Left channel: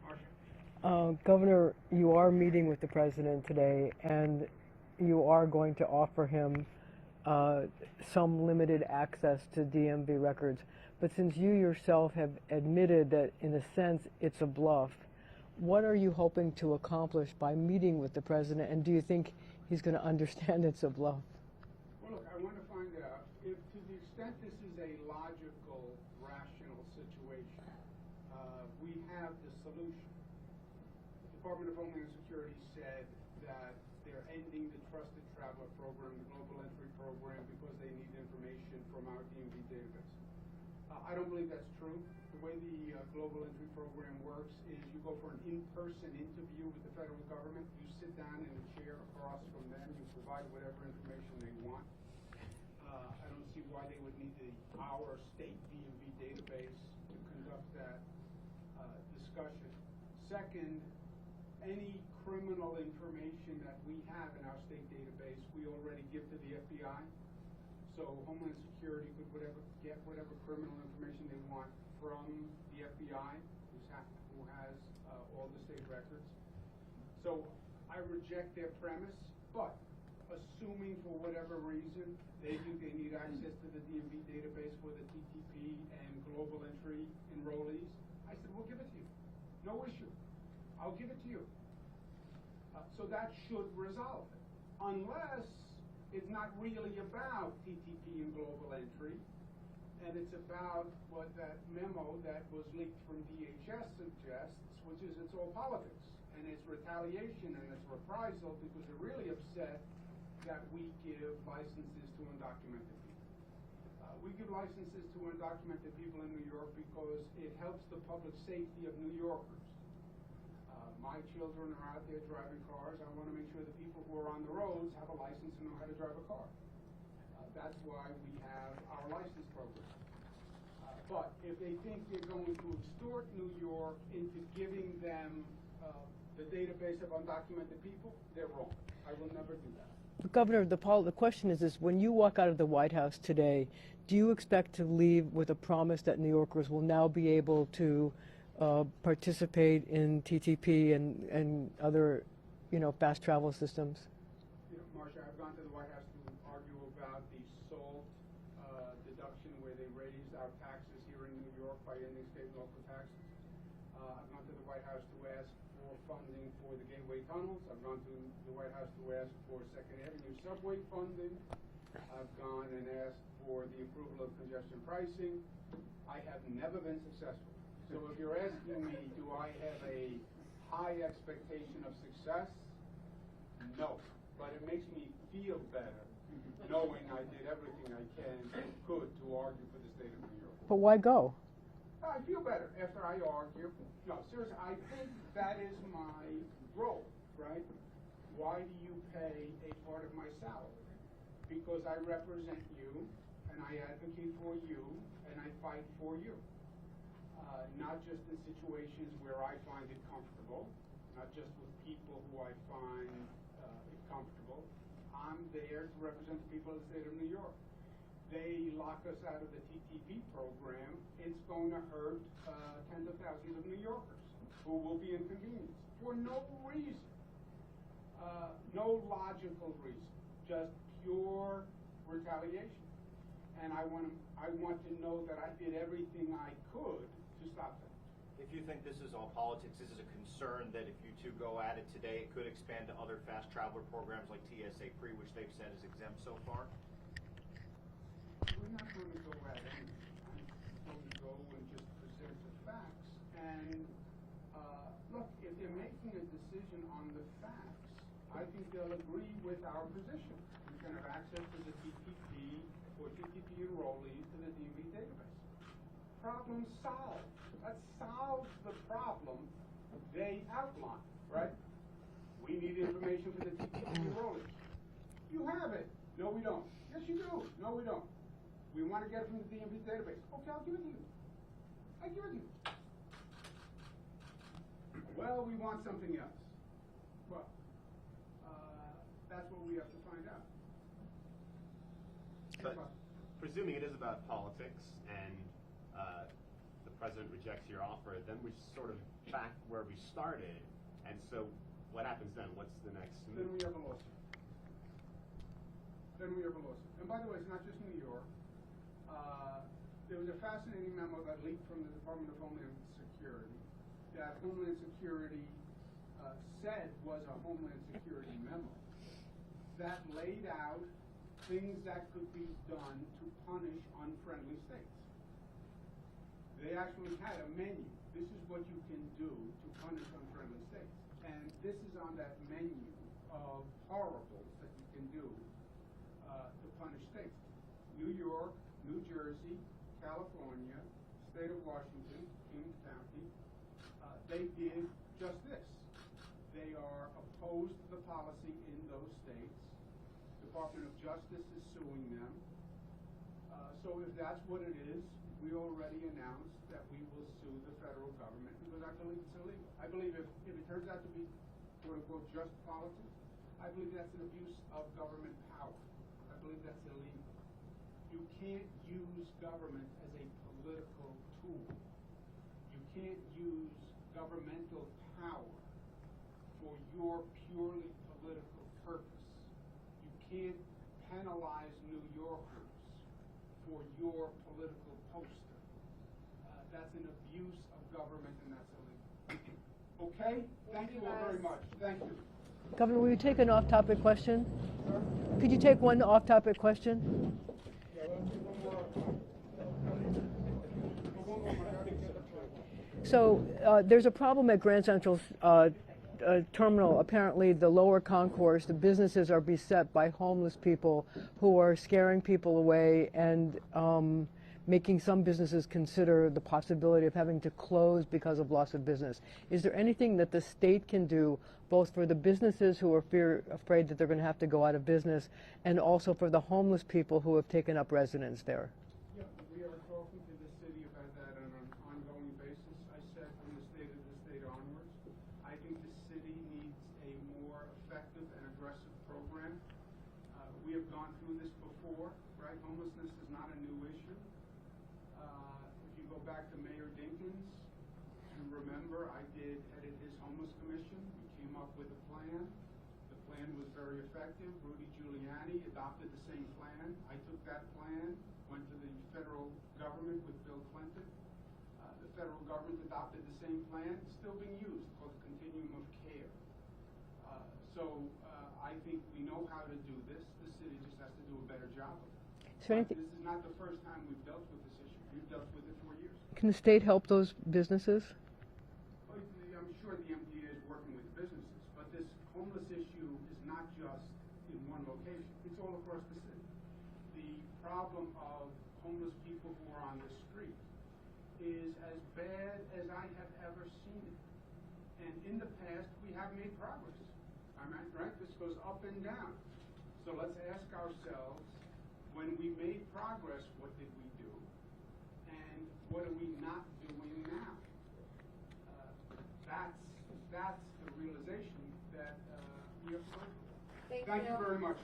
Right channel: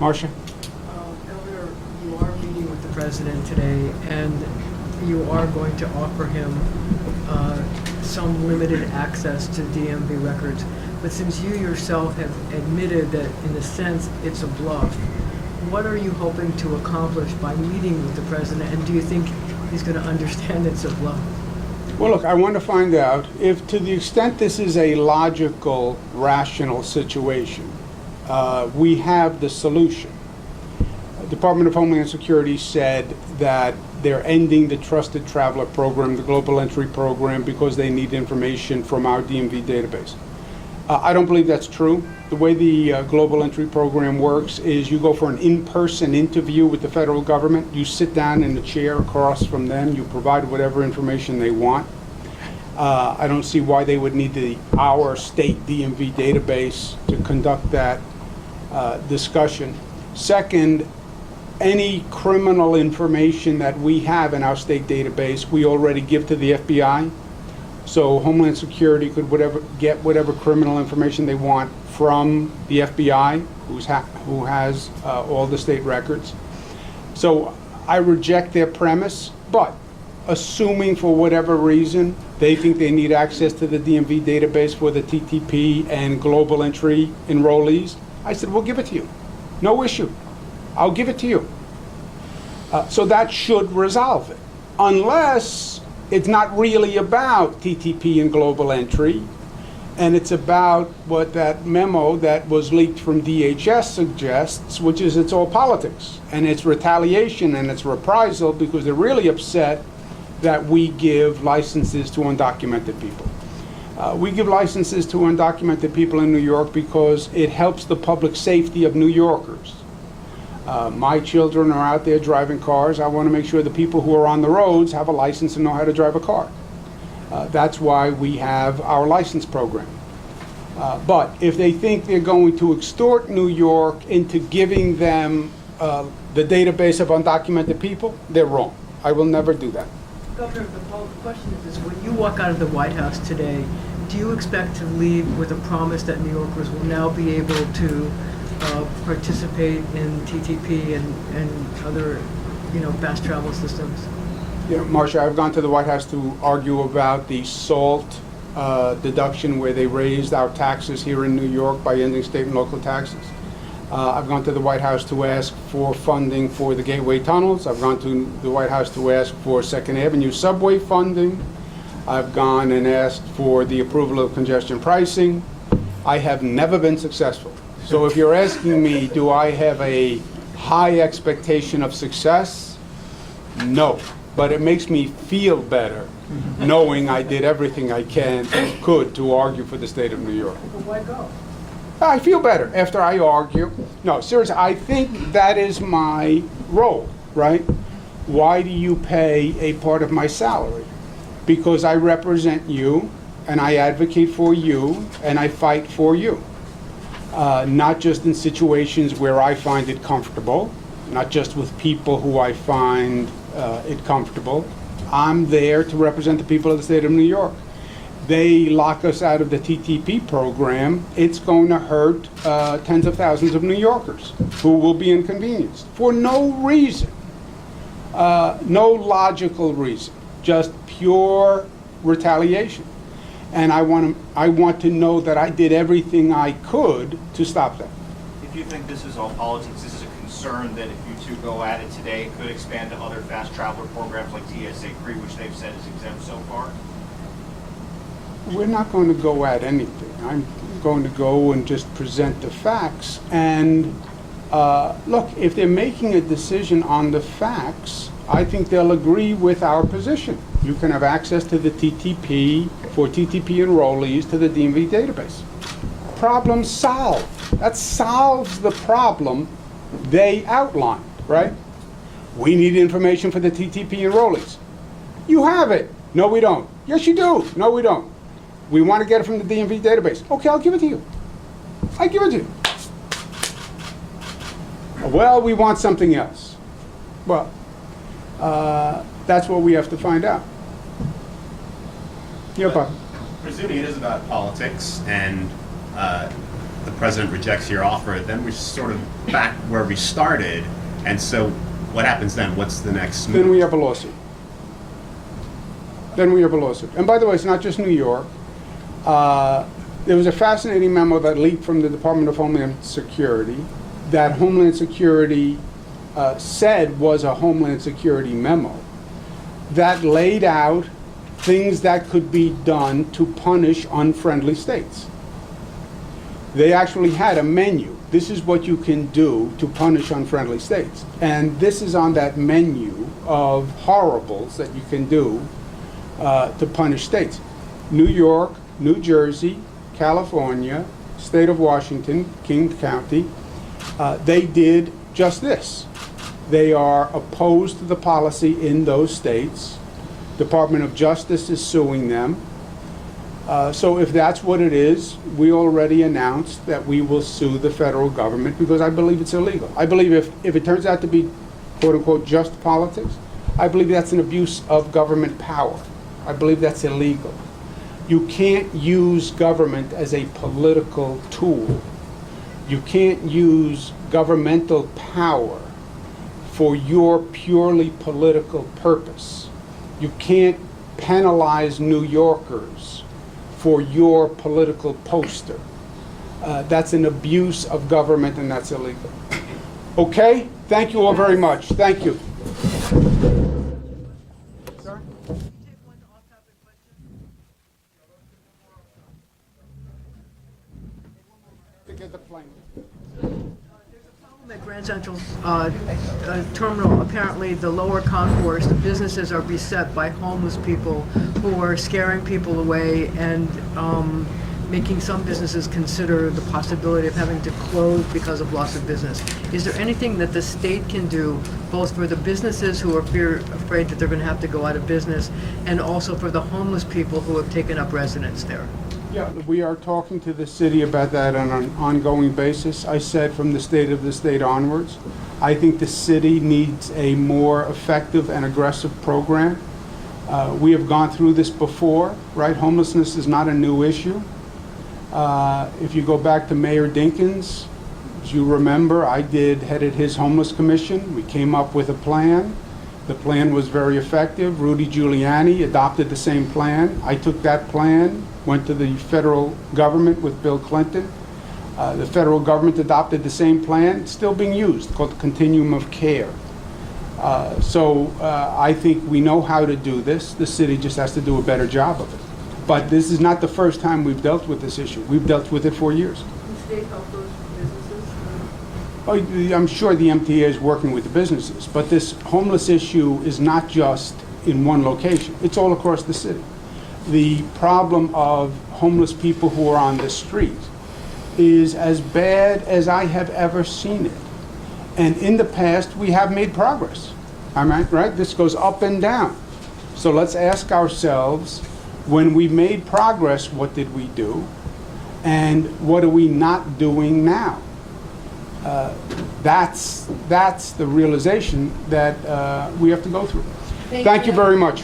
Marcia? Governor, you are meeting with the president today, and you are going to offer him some limited access to DMV records. But since you yourself have admitted that, in a sense, it's a bluff, what are you hoping to accomplish by meeting with the president, and do you think he's going to understand it's a bluff? Well, look, I want to find out if, to the extent this is a logical, rational situation, we have the solution. The Department of Homeland Security said that they're ending the Trusted Traveler Program, the Global Entry Program, because they need information from our DMV database. I don't believe that's true. The way the Global Entry Program works is you go for an in-person interview with the federal government. You sit down in the chair across from them. You provide whatever information they want. I don't see why they would need our state DMV database to conduct that discussion. Second, any criminal information that we have in our state database, we already give to the FBI. So Homeland Security could get whatever criminal information they want from the FBI, who has all the state records. So I reject their premise, but assuming for whatever reason they think they need access to the DMV database for the TTP and global entry enrollees, I said, we'll give it to you. No issue. I'll give it to you. So that should resolve it. Unless it's not really about TTP and global entry, and it's about what that memo that was leaked from DHS suggests, which is it's all politics, and it's retaliation and it's reprisal because they're really upset that we give licenses to undocumented people. We give licenses to undocumented people in New York because it helps the public safety of New Yorkers. My children are out there driving cars. I want to make sure the people who are on the roads have a license and know how to drive a car. That's why we have our license program. But if they think they're going to extort New York into giving them the database of undocumented people, they're wrong. I will never do that. Governor, the question is when you walk out of the White House today, do you expect to leave with a promise that New Yorkers will now be able to participate in TTP and other, fast travel systems? Yeah, Marcia, I've gone to the White House to argue about the SALT deduction where they raised our taxes here in New York by ending state and local taxes. I've gone to the White House to ask for funding for the Gateway tunnels. I've gone to the White House to ask for 2nd Avenue subway funding. I've gone and asked for the approval of congestion pricing. I have never been successful. So if you're asking me, do I have a high expectation of success? No. But it makes me feel better knowing I did everything I could to argue for the state of New York. But why go? I feel better after I argue. No, seriously, I think that is my role, right? Why do you pay a part of my salary? Because I represent you, and I advocate for you, and I fight for you. Not just in situations where I find it comfortable, not just with people who I find it comfortable. I'm there to represent the people of the state of New York. They lock us out of the TTP program, it's going to hurt tens of thousands of New Yorkers who will be inconvenienced for no reason, no logical reason, just pure retaliation. And I want to know that I did everything I could to stop that. If you think this is all politics, this is a concern that if you two go at it today, it could expand to other fast traveler programs like TSA Cree, which they've said is exempt so far? We're not going to go at anything. I'm going to go and just present the facts. And look, if they're making a decision on the facts, I think they'll agree with our position. You can have access to the TTP for TTP enrollees to the DMV database. Problem solved. That solves the problem they outlined, right? We need information for the TTP enrollees. You have it. No, we don't. Yes, you do. No, we don't. We want to get it from the DMV database. Okay, I'll give it to you. I give it to you. Well, we want something else. Well, that's what we have to find out. Yeah, Bob. Presuming it is about politics and the president rejects your offer, then we're sort of back where we started. And so what happens then? What's the next move? Then we have a lawsuit. And by the way, it's not just New York. There was a fascinating memo that leaked from the Department of Homeland Security that Homeland Security said was a Homeland Security memo that laid out things that could be done to punish unfriendly states. They actually had a menu. This is what you can do to punish unfriendly states. And this is on that menu of horribles that you can do to punish states. New York, New Jersey, California, state of Washington, King County, they did just this. They are opposed to the policy in those states. Department of Justice is suing them. So if that's what it is, we already announced that we will sue the federal government because I believe it's illegal. I believe if it turns out to be, quote unquote, just politics, I believe that's an abuse of government power. I believe that's illegal. You can't use government as a political tool. You can't use governmental power for your purely political purpose. You can't penalize New Yorkers for your political poster. That's an abuse of government and that's illegal. Okay? Thank you all very much. Thank you. Could you take an off-topic question? Could you take one off-topic question? So there's a problem at Grand Central's terminal. Apparently, the lower concourse, the businesses are beset by homeless people who are scaring people away and making some businesses consider the possibility of having to close because of loss of business. Is there anything that the state can do, both for the businesses who are afraid that they're going to have to go out of business, and also for the homeless people who have taken up residence there? Yeah, we are talking to the city about that on an ongoing basis. I said from the state of the state onwards, I think the city needs a more effective and aggressive program. We have gone through this before, right? Homelessness is not a new issue. If you go back to Mayor Dinkins, as you remember, I headed his homeless commission. We came up with a plan. The plan was very effective. Rudy Giuliani adopted the same plan. I took that plan, went to the federal government with Bill Clinton. The federal government adopted the same plan. It's still being used, called the Continuum of Care. So I think we know how to do this. The city just has to do a better job of it. But this is not the first time we've dealt with this issue. We've dealt with it for years. Can the state help those businesses? Oh, I'm sure the MTA is working with the businesses, but this homeless issue is not just in one location. It's all across the city. The problem of homeless people who are on the street is as bad as I have ever seen it. And in the past, we have made progress. Right? This goes up and down. So let's ask ourselves, when we made progress, what did we do? And what are we not doing now? That's the realization that we have to go through. Thank you very much.